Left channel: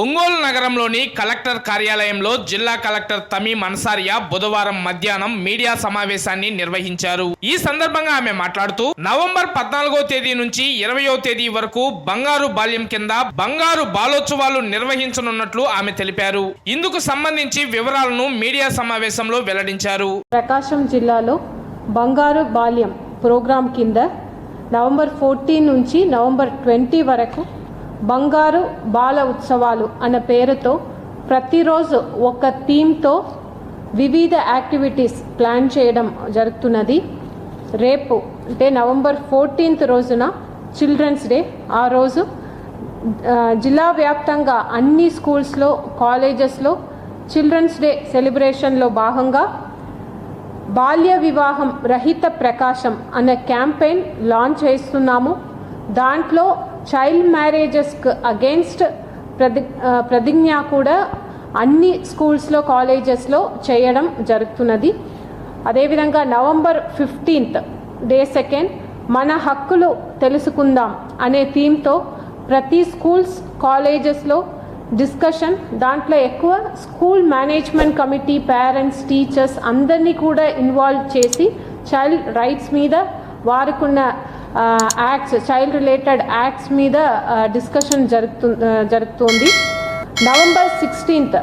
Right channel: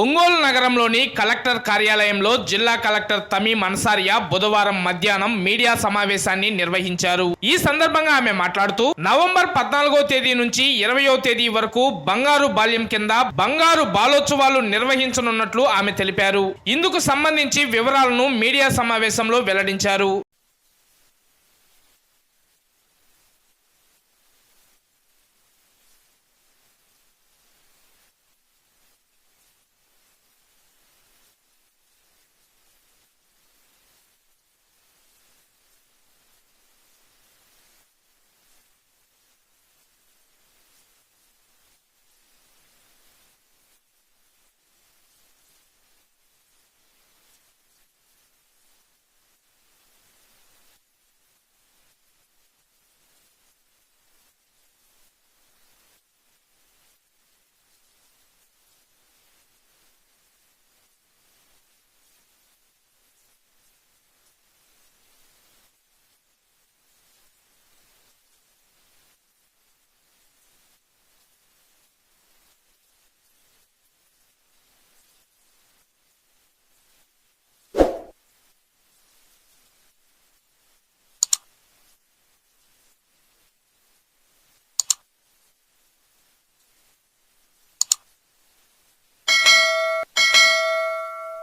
ఒంగోలు నగరంలోని కలెక్టర్ కార్యాలయంలో జిల్లా కలెక్టర్ తమీం అన్సారియా బుధవారం మధ్యాహ్నం మీడియా సమావేశాన్ని నిర్వహించారు. ఈ సందర్భంగా ఆమె మాట్లాడుతూ నవంబర్ పద్నాలుగో తేదీ నుంచి ఇరవయో తేదీ వరకు బంగారు బాల్యం కింద బంగారు బాలోత్సవాలు నిర్వహించనున్నట్లు ఆమె తెలిపారు. ఇందుకు సంబంధించి వివరాలను మీడియా సమావేశంలో వెల్లడించారు. ప్రకాశం జిల్లాలో బంగారు బాల్యం ప్రోగ్రాం కింద నవంబర్ ఫోర్టీన్ నుంచి నవంబర్ ట్వంటీ వరకు బంగారు బాల ఉత్సవాలు అన్న పేరుతో ప్రతిరోజు ఒక థీమ్తో వివిధ యాక్టివిటీస్ ప్లాన్ చేయడం జరుగుతున్నది. రేపు అంటే నవంబర్ ఫోర్టీన్త్ రోజున చిల్డ్రన్స్ డే. ఆ రోజు జిల్లా వ్యాప్తంగా అన్ని స్కూల్స్లో కాలేజెస్లో చిల్డ్రన్స్ డే సెలబ్రేషన్లో భాగంగా బాల్య వివాహం రహిత ప్రకాశం అనే క్యాంపెయిన్ లాంచ్ చేస్తున్నాము. దాంట్లో చైల్డ్ మ్యారేజెస్కి అగేన్స్ట్ ప్రతి ప్రతిజ్ఞ కూడా అన్ని స్కూల్స్లో కాలేజెస్లో చేయడం జరుగుతున్నది. అదేవిధంగా నవంబర్ ఫిఫ్టీన్త్ డే సెకండ్ మన హక్కులు తెలుసుకుందాం అనే థీమ్తో ప్రతి స్కూల్స్ కాలేజెస్లో డిస్కషన్. దాంట్లో ఎక్కువ school management committee parents teachers అందరినీ కూడా ఇన్వాల్వ్ చేసి చైల్డ్ రైట్స్ మీద వారికున్న యాక్ట్స్ చైల్డ్ రిలేటెడ్ యాక్ట్స్ మీద డిస్కషన్ జరుగుతు జరుగుతుంది నవంబర్ సిక్స్టీన్త్